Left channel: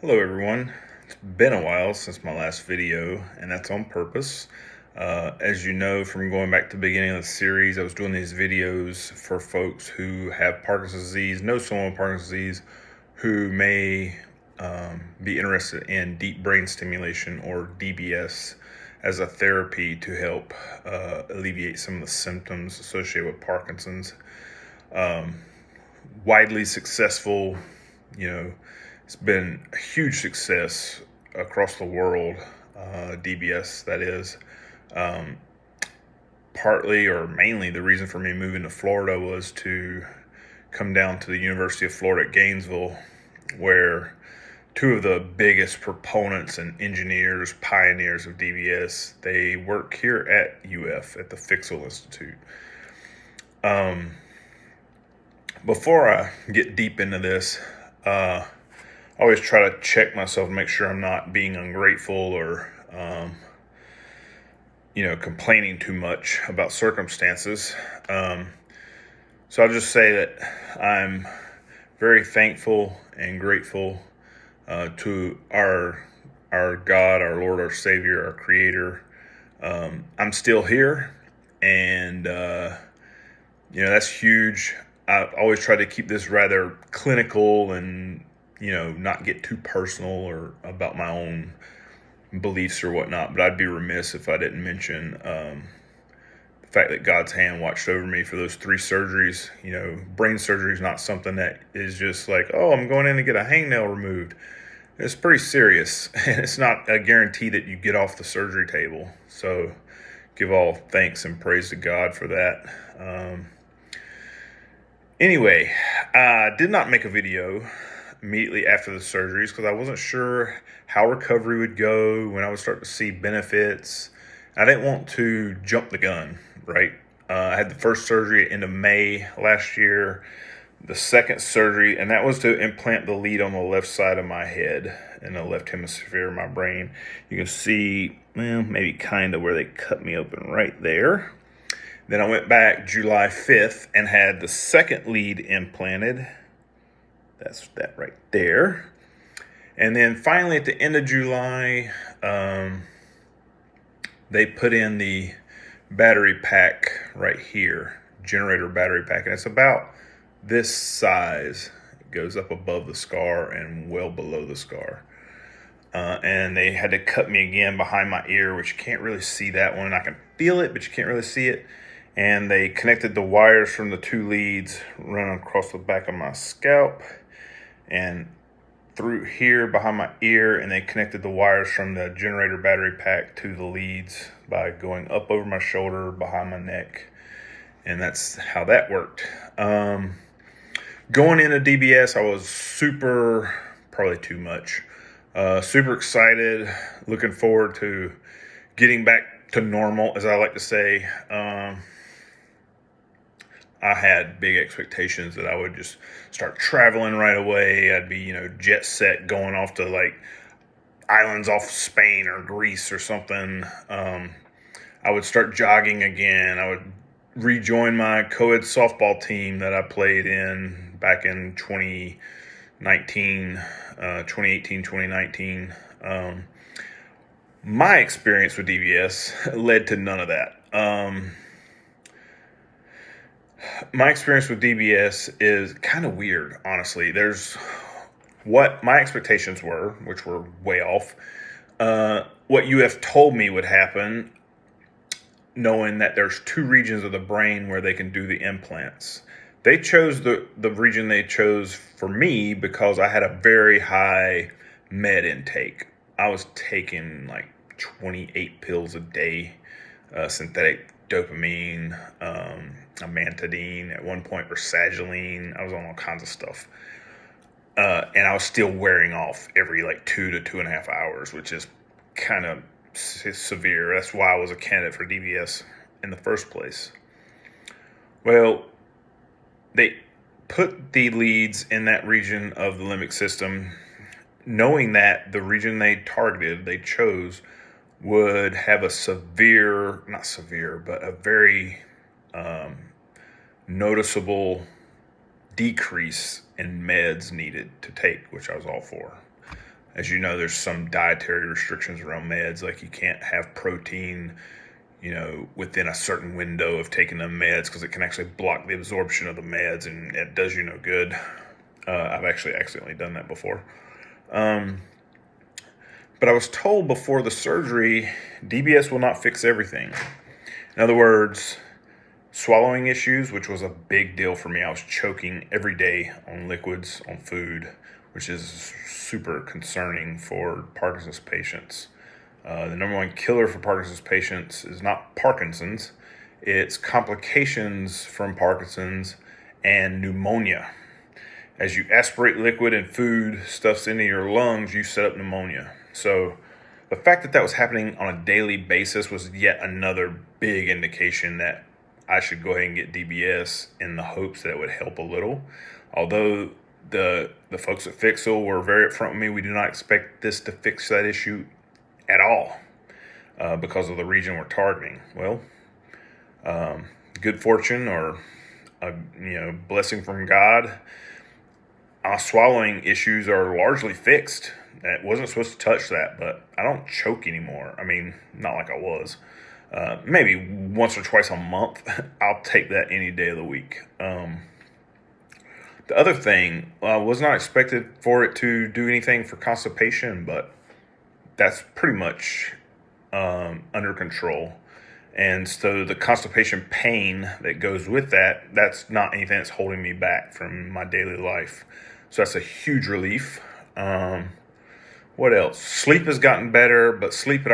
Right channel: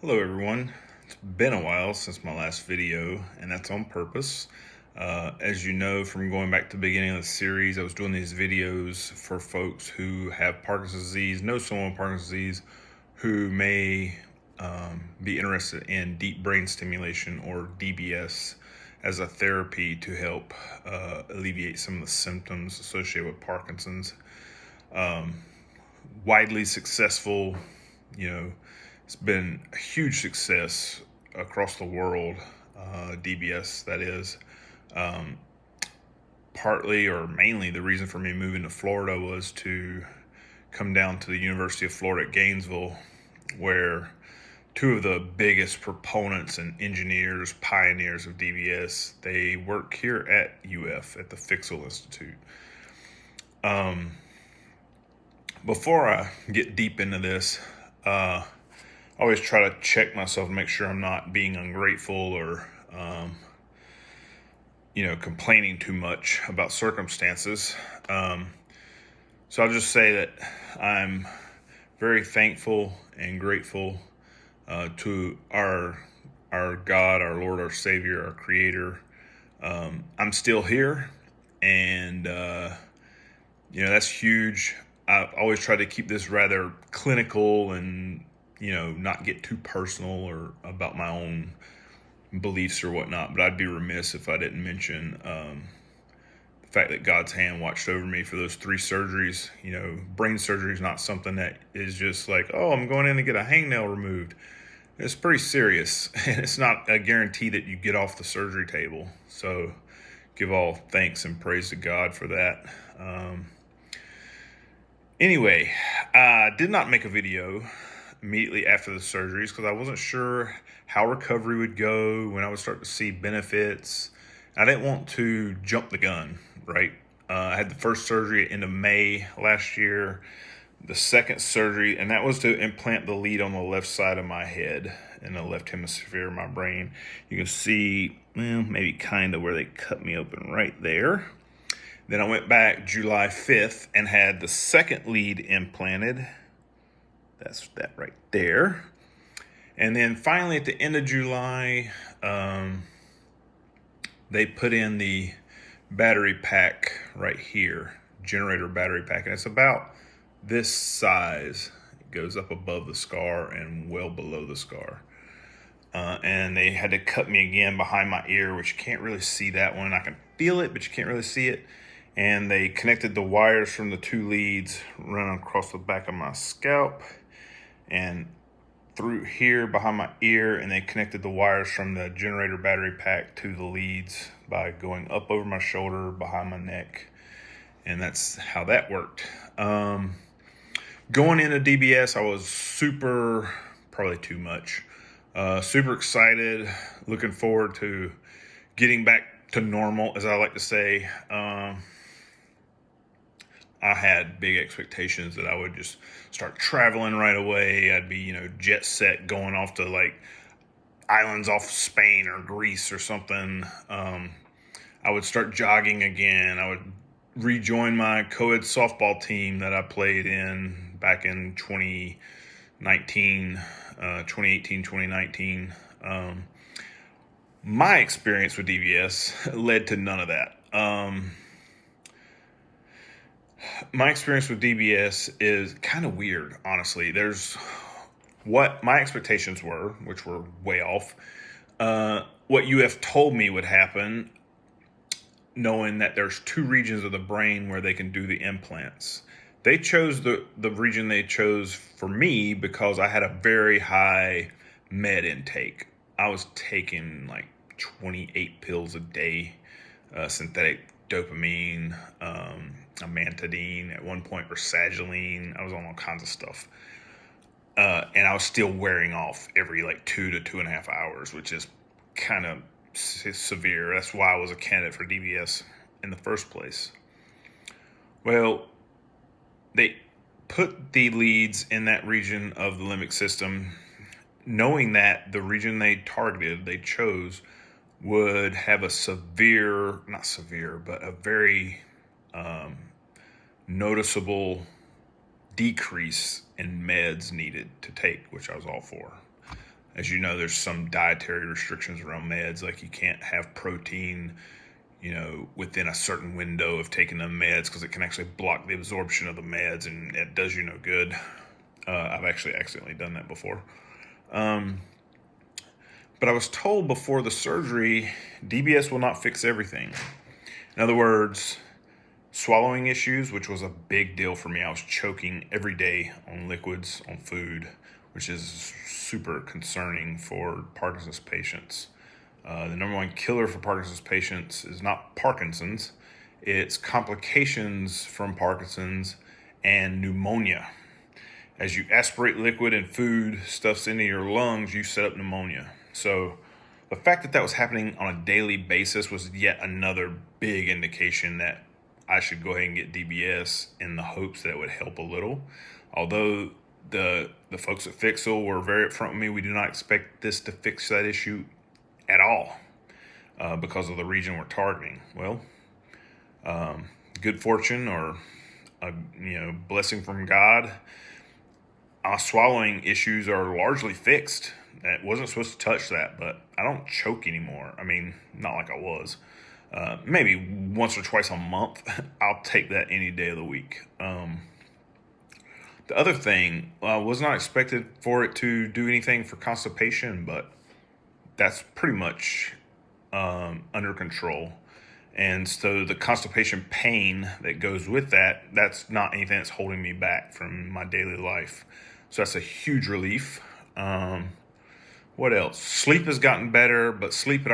Hello everyone. It's been a while since my last video, and that's on purpose. As you know from going back to the beginning of the series, I was doing these videos for folks who have Parkinson's disease, know someone with Parkinson's disease, who may be interested in deep brain stimulation or DBS as a therapy to help alleviate some of the symptoms associated with Parkinson's. Widely successful, it's been a huge success across the world, DBS, that is. Partly or mainly the reason for me moving to Florida was to come down to the University of Florida at Gainesville, where two of the biggest proponents and engineers, pioneers of DBS, they work here at UF at the Fixel Institute. Before I get deep into this, I always try to check myself and make sure I'm not being ungrateful or, complaining too much about circumstances. So I'll just say that I'm very thankful and grateful to our God, our Lord, our Savior, our Creator. I'm still here, and that's huge. I always try to keep this rather clinical and not get too personal or about my own beliefs or whatnot, but I'd be remiss if I didn't mention the fact that God's hand watched over me for those 3 surgeries. Brain surgery is not something that is just like, oh, I'm going in to get a hangnail removed. It's pretty serious, and it's not a guarantee that you get off the surgery table. So give all thanks and praise to God for that. Anyway, I did not make a video immediately after the surgeries because I wasn't sure how recovery would go, when I would start to see benefits. I didn't want to jump the gun, right? I had the first surgery at the end of May last year, the second surgery, and that was to implant the lead on the left side of my head in the left hemisphere of my brain. You can see, maybe kind of where they cut me open right there. Then I went back July 5th and had the second lead implanted. That's that right there. And then finally at the end of July, they put in the battery pack right here, generator battery pack. And it's about this size. It goes up above the scar and well below the scar. And they had to cut me again behind my ear, which you can't really see that one. I can feel it, but you can't really see it. And they connected the wires from the 2 leads running across the back of my scalp and through here behind my ear, and they connected the wires from the generator battery pack to the leads by going up over my shoulder, behind my neck, and that's how that worked. Going into DBS, I was probably too much, super excited, looking forward to getting back to normal, as I like to say. I had big expectations that I would just start traveling right away. I'd be, jet set going off to like islands off Spain or Greece or something. I would start jogging again. I would rejoin my co-ed softball team that I played in back in 2018, 2019. My experience with DBS led to none of that. My experience with DBS is kind of weird, honestly. There's what my expectations were, which were way off. What UF told me would happen, knowing that there's 2 regions of the brain where they can do the implants. They chose the region they chose for me because I had a very high med intake. I was taking like 28 pills a day, synthetic dopamine, amantadine, at one point rasagiline. I was on all kinds of stuff. And I was still wearing off every like 2 to 2.5 hours, which is kind of severe. That's why I was a candidate for DBS in the first place. Well, they put the leads in that region of the limbic system, knowing that the region they chose would have a very noticeable decrease in meds needed to take, which I was all for. As you know, there's some dietary restrictions around meds, like you can't have protein, within a certain window of taking the meds because it can actually block the absorption of the meds and it does you no good. I've actually accidentally done that before. But I was told before the surgery, DBS will not fix everything. In other words, swallowing issues, which was a big deal for me. I was choking every day on liquids, on food, which is super concerning for Parkinson's patients. The number one killer for Parkinson's patients is not Parkinson's, it's complications from Parkinson's and pneumonia. As you aspirate liquid and food stuffs into your lungs, you set up pneumonia. So the fact that that was happening on a daily basis was yet another big indication that I should go ahead and get DBS in the hopes that it would help a little. Although the folks at Fixel were very upfront with me, we do not expect this to fix that issue at all because of the region we're targeting. Well, good fortune or a blessing from God. Swallowing issues are largely fixed. It wasn't supposed to touch that, but I don't choke anymore. I mean, not like I was. Maybe once or twice a month. I'll take that any day of the week. The other thing, I was not expected for it to do anything for constipation, but that's pretty much under control. And so the constipation pain that goes with that, that's not anything that's holding me back from my daily life. So that's a huge relief. What else? Sleep has gotten better, but sleep had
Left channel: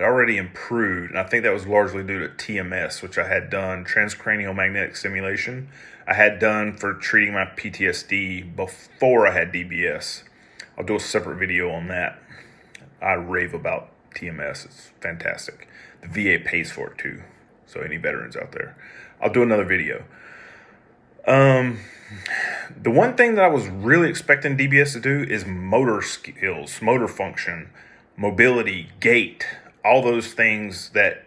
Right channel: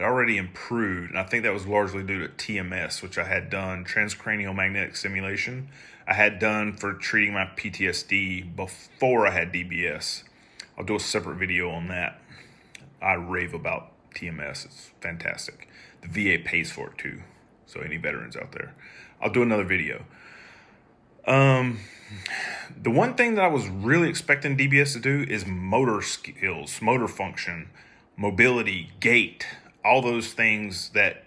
already improved. And I think that was largely due to TMS, which I had done, transcranial magnetic stimulation. I had done for treating my PTSD before I had DBS. I'll do a separate video on that. I rave about TMS. It's fantastic. The VA pays for it too. So any veterans out there, I'll do another video. The one thing that I was really expecting DBS to do is motor skills, motor function, mobility, gait, all those things that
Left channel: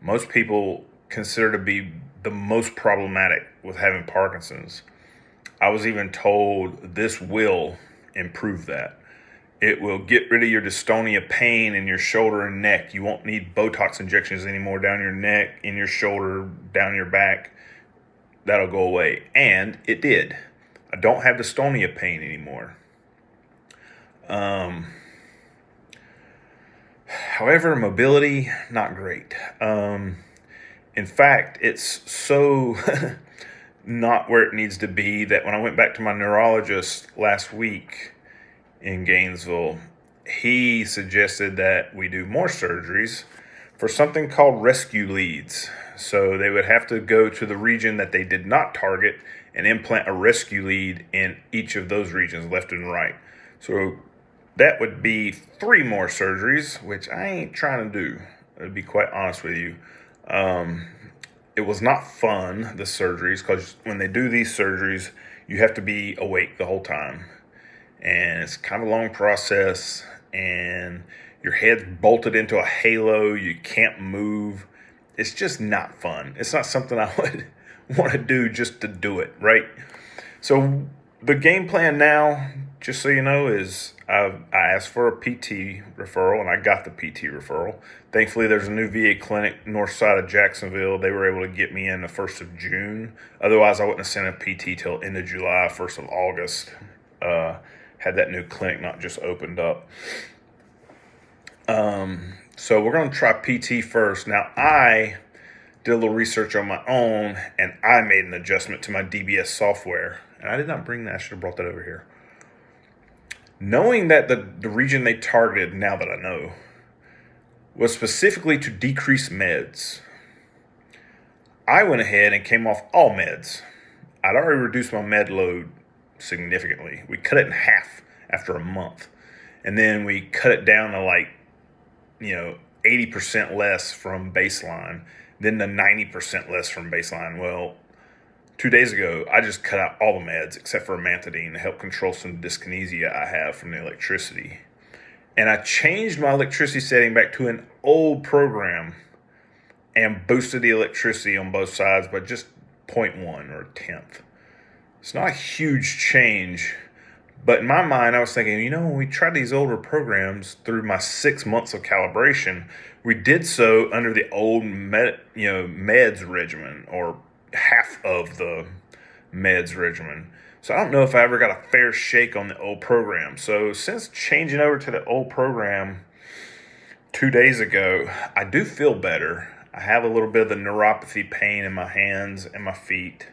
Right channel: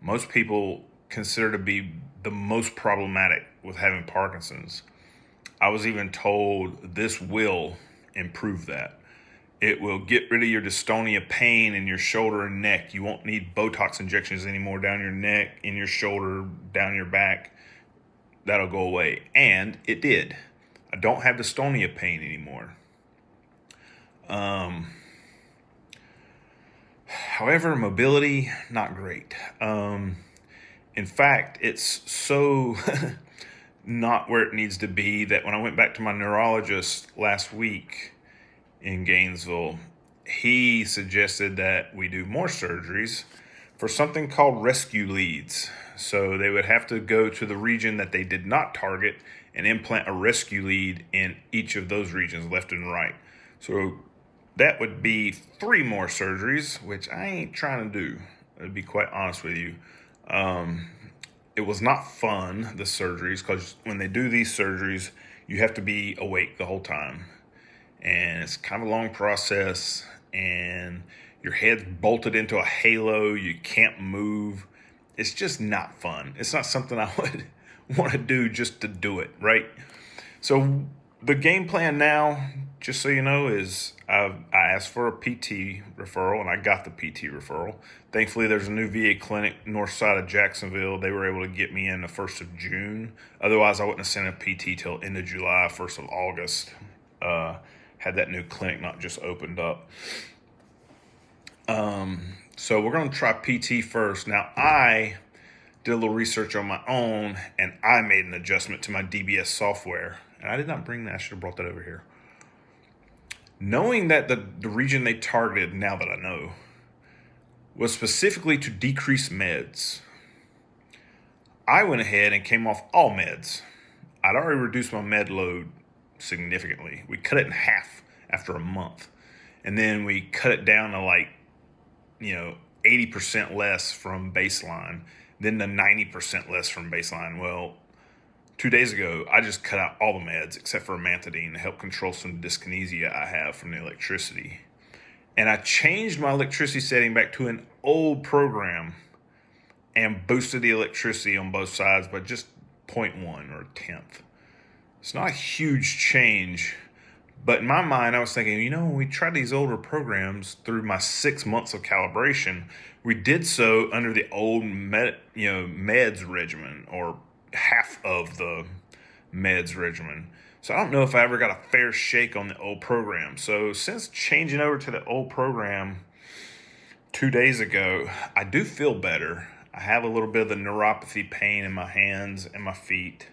most people consider to be the most problematic with having Parkinson's. I was even told this will improve that. It will get rid of your dystonia pain in your shoulder and neck. You won't need Botox injections anymore down your neck, in your shoulder, down your back. That'll go away. And it did. I don't have dystonia pain anymore. However, mobility, not great. In fact, it's so not where it needs to be that when I went back to my neurologist last week in Gainesville, he suggested that we do more surgeries for something called rescue leads. So they would have to go to the region that they did not target and implant a rescue lead in each of those regions, left and right. So that would be 3 more surgeries, which I ain't trying to do, to be quite honest with you. It was not fun, the surgeries, because when they do these surgeries, you have to be awake the whole time. And it's kind of a long process, and your head's bolted into a halo, you can't move. It's just not fun. It's not something I would want to do just to do it, right? So the game plan now, just so you know, is I asked for a PT referral, and I got the PT referral. Thankfully, there's a new VA clinic north side of Jacksonville. They were able to get me in the 1st of June. Otherwise, I wouldn't have sent a PT till end of July, 1st of August. Had that new clinic not just opened up. So we're going to try PT first. Now, I did a little research on my own, and I made an adjustment to my DBS software. And I did not bring that. I should have brought that over here. Knowing that the region they targeted, now that I know, was specifically to decrease meds, I went ahead and came off all meds. I'd already reduced my med load significantly. We cut it in half after a month. And then we cut it down to 80% less from baseline, then the 90% less from baseline. Well, 2 days ago, I just cut out all the meds except for amantadine to help control some dyskinesia I have from the electricity. And I changed my electricity setting back to an old program and boosted the electricity on both sides by just 0.1 or a tenth. It's not a huge change, But in my mind, I was thinking, when we tried these older programs through my 6 months of calibration, we did so under the old meds regimen, or half of the meds regimen. So I don't know if I ever got a fair shake on the old program. So since changing over to the old program 2 days ago, I do feel better. I have a little bit of the neuropathy pain in my hands and my feet,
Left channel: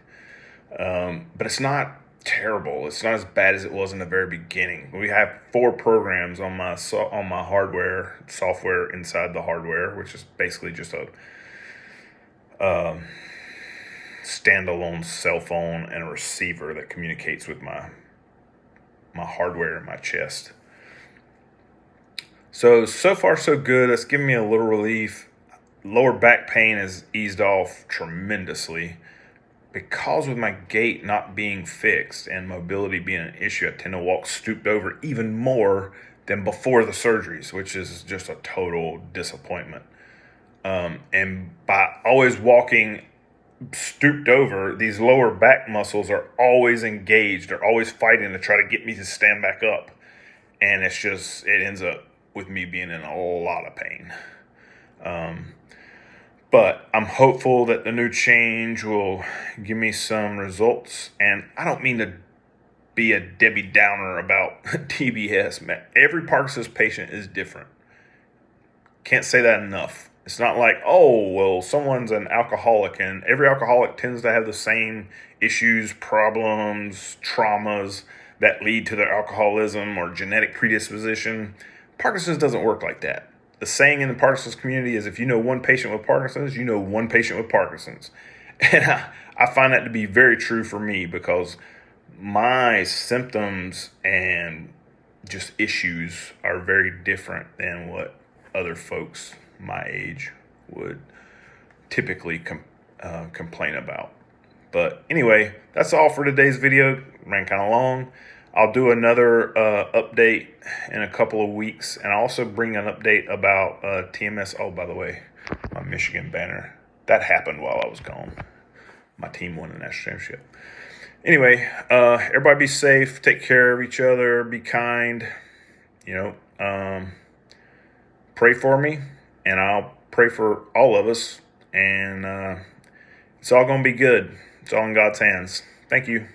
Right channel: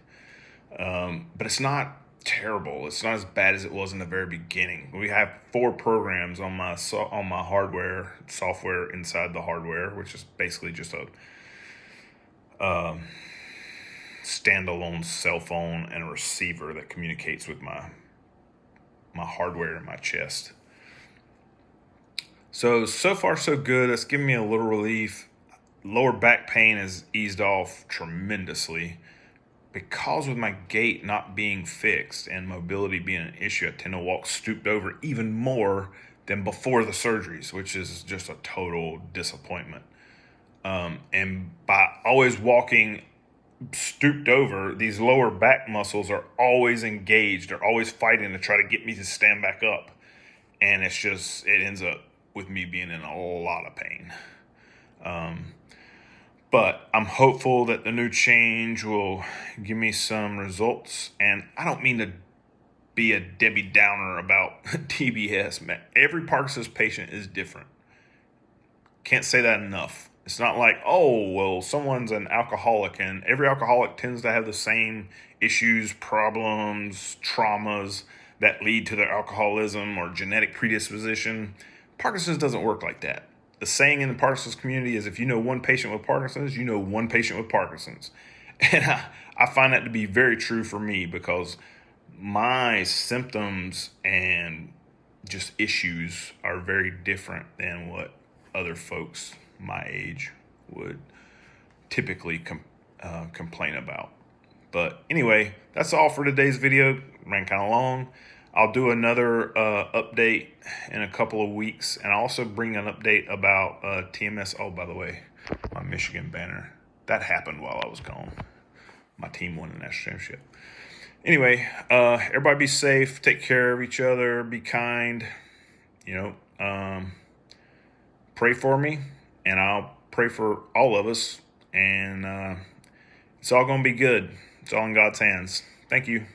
but it's not terrible. It's not as bad as it was in the very beginning. We have 4 programs on my hardware, software inside the hardware, which is basically just a standalone cell phone and a receiver that communicates with my hardware in my chest. So far so good. That's given me a little relief. Lower back pain has eased off tremendously. Because with my gait not being fixed and mobility being an issue, I tend to walk stooped over even more than before the surgeries, which is just a total disappointment. And by always walking stooped over, these lower back muscles are always engaged. They're always fighting to try to get me to stand back up. And it ends up with me being in a lot of pain. But I'm hopeful that the new change will give me some results. And I don't mean to be a Debbie Downer about DBS. Man, every Parkinson's patient is different. Can't say that enough. It's not like, someone's an alcoholic, and every alcoholic tends to have the same issues, problems, traumas that lead to their alcoholism or genetic predisposition. Parkinson's doesn't work like that. The saying in the Parkinson's community is, if you know one patient with Parkinson's, you know one patient with Parkinson's. And I find that to be very true for me, because my symptoms and just issues are very different than what other folks my age would typically complain about. But anyway, that's all for today's video. Ran kind of long. I'll do another update in a couple of weeks, and I'll also bring an update about TMS. Oh, by the way, my Michigan banner, that happened while I was gone. My team won the national championship. Anyway, everybody be safe, take care of each other, be kind, pray for me, and I'll pray for all of us, and it's all going to be good. It's all in God's hands. Thank you.